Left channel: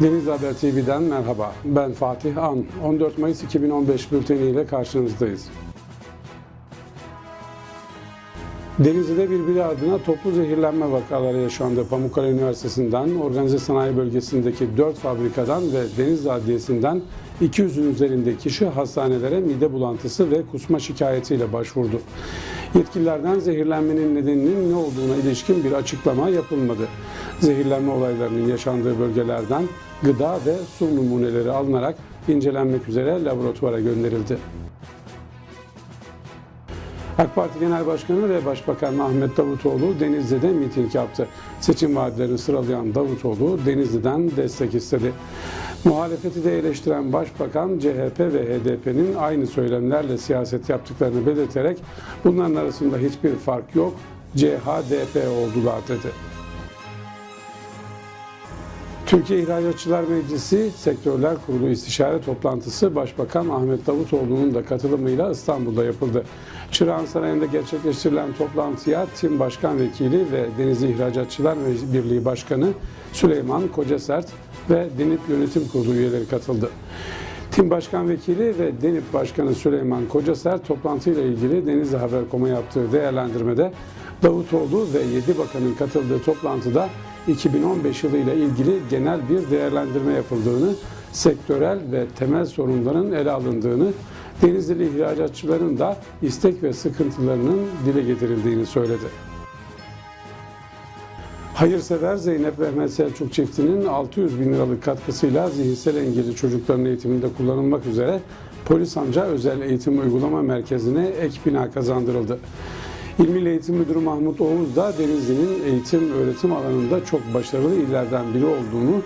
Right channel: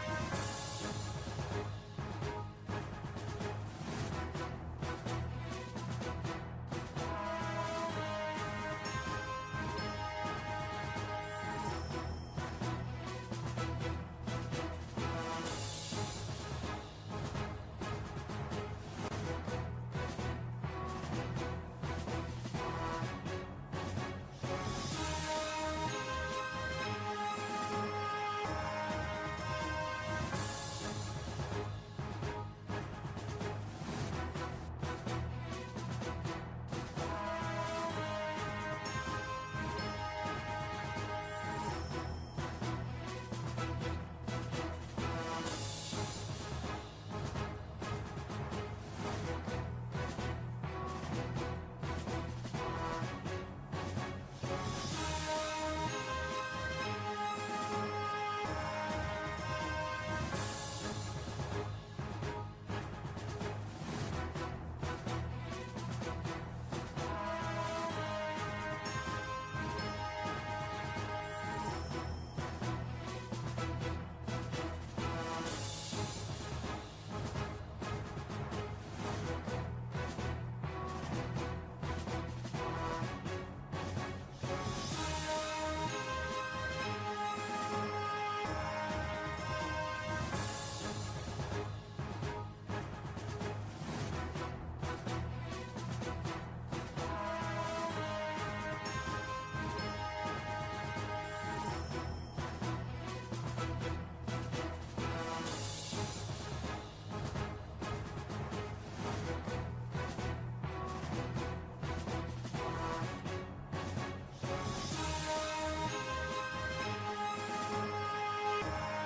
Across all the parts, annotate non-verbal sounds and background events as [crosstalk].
Deniz Haber TV'den merhaba. Ben Fatih An. 14 Mayıs 2015 bülteniyle karşınızdayız. Denizli'de birbiri ardına toplu zehirlenme vakaları yaşandı. Pamukkale Üniversitesi'nden, organize sanayi bölgesindeki 4 fabrikadan ve Denizli Adliyesi'nden 200'ün üzerinde kişi hastanelere mide bulantısı ve kusma şikayetiyle başvurdu. Yetkililerden zehirlenmenin nedeninin ne olduğuna ilişkin bir açıklama yapılmadı. Zehirlenme olaylarının yaşandığı bölgelerden gıda ve su numuneleri alınarak incelenmek üzere laboratuvara gönderildi. AK Parti Genel Başkanı ve Başbakan Ahmet Davutoğlu Denizli'de miting yaptı. Seçim vaatlerini sıralayan Davutoğlu Denizli'den destek istedi. Muhalefeti de eleştiren Başbakan CHP ve HDP'nin aynı söylemlerle siyaset yaptıklarını belirterek bunların arasında hiçbir fark yok, CHDP oldular dedi. Türkiye İhracatçılar Meclisi Sektörler Kurulu istişare toplantısı Başbakan Ahmet Davutoğlu'nun da katılımıyla İstanbul'da yapıldı. Çırağan Sarayı'nda gerçekleştirilen toplantıya Tim Başkan Vekili ve Deniz İhracatçılar Birliği Başkanı Süleyman Kocasert ve Denip Yönetim Kurulu üyeleri katıldı. Tim Başkan Vekili ve Denip Başkanı Süleyman Kocasert toplantıyla ilgili Denizli Haber.com'a yaptığı değerlendirmede Davutoğlu ve 7 bakanın katıldığı toplantıda 2015 yılıyla ilgili genel bir değerlendirme yapıldığını, sektörel ve temel sorunların ele alındığını, Denizli ihracatçıların da istek ve sıkıntılarının dile getirildiğini söyledi. Hayırsever Zeynep Mehmet Selçuk çiftinin 600 bin liralık katkısıyla zihinsel engelli çocukların eğitiminde kullanılmak üzere Polis Amca Özel Eğitim Uygulama Merkezi'ne ek bina kazandırıldı. İl [laughs] Milli Eğitim Müdürü Mahmut Oğuz da Denizli'nin eğitim öğretim alanında çok başarılı illerden biri olduğunu,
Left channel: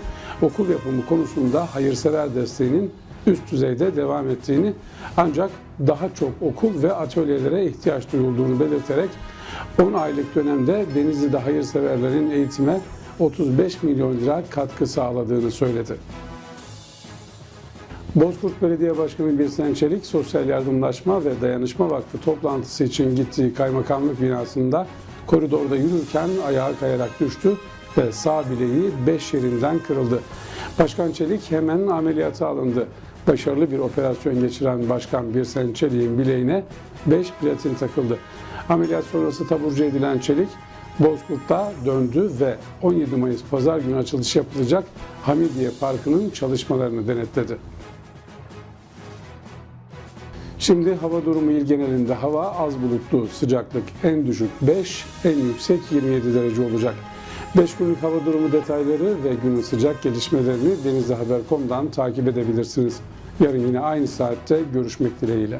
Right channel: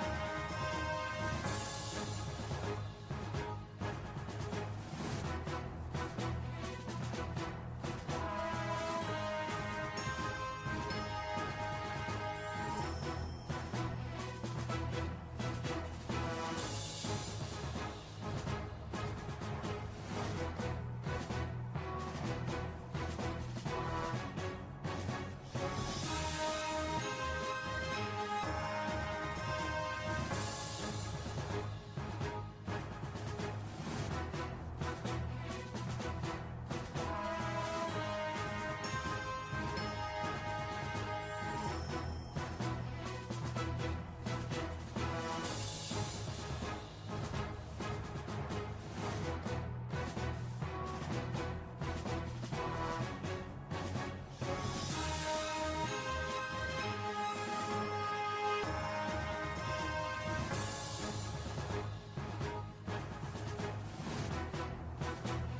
okul yapımı konusunda hayırsever desteğinin üst düzeyde devam ettiğini ancak daha çok okul ve atölyelere ihtiyaç duyulduğunu belirterek 10 aylık dönemde Denizli'de hayırseverlerin eğitime 35 milyon lira katkı sağladığını söyledi. Bozkurt Belediye Başkanı Birsen Çelik, Sosyal Yardımlaşma ve Dayanışma Vakfı toplantısı için gittiği kaymakamlık binasında koridorda yürürken ayağa kayarak düştü ve sağ bileği 5 yerinden kırıldı. Başkan Çelik hemen ameliyata alındı. Başarılı bir operasyon geçiren Başkan Birsen Çelik'in bileğine 5 platin takıldı. Ameliyat sonrası taburcu edilen Çelik, Bozkurt'ta döndü ve 17 Mayıs Pazar günü açılış yapılacak Hamidiye Parkı'nın çalışmalarını denetledi. Şimdi hava durumu il genelinde hava az bulutlu, sıcaklık en düşük 5, en yüksek 27 derece olacak. 5 günlük hava durumu detayları ve günün sıcak gelişmelerini denizlihaber.com'dan takip edebilirsiniz. Yarın yine aynı saatte görüşmek dileğiyle.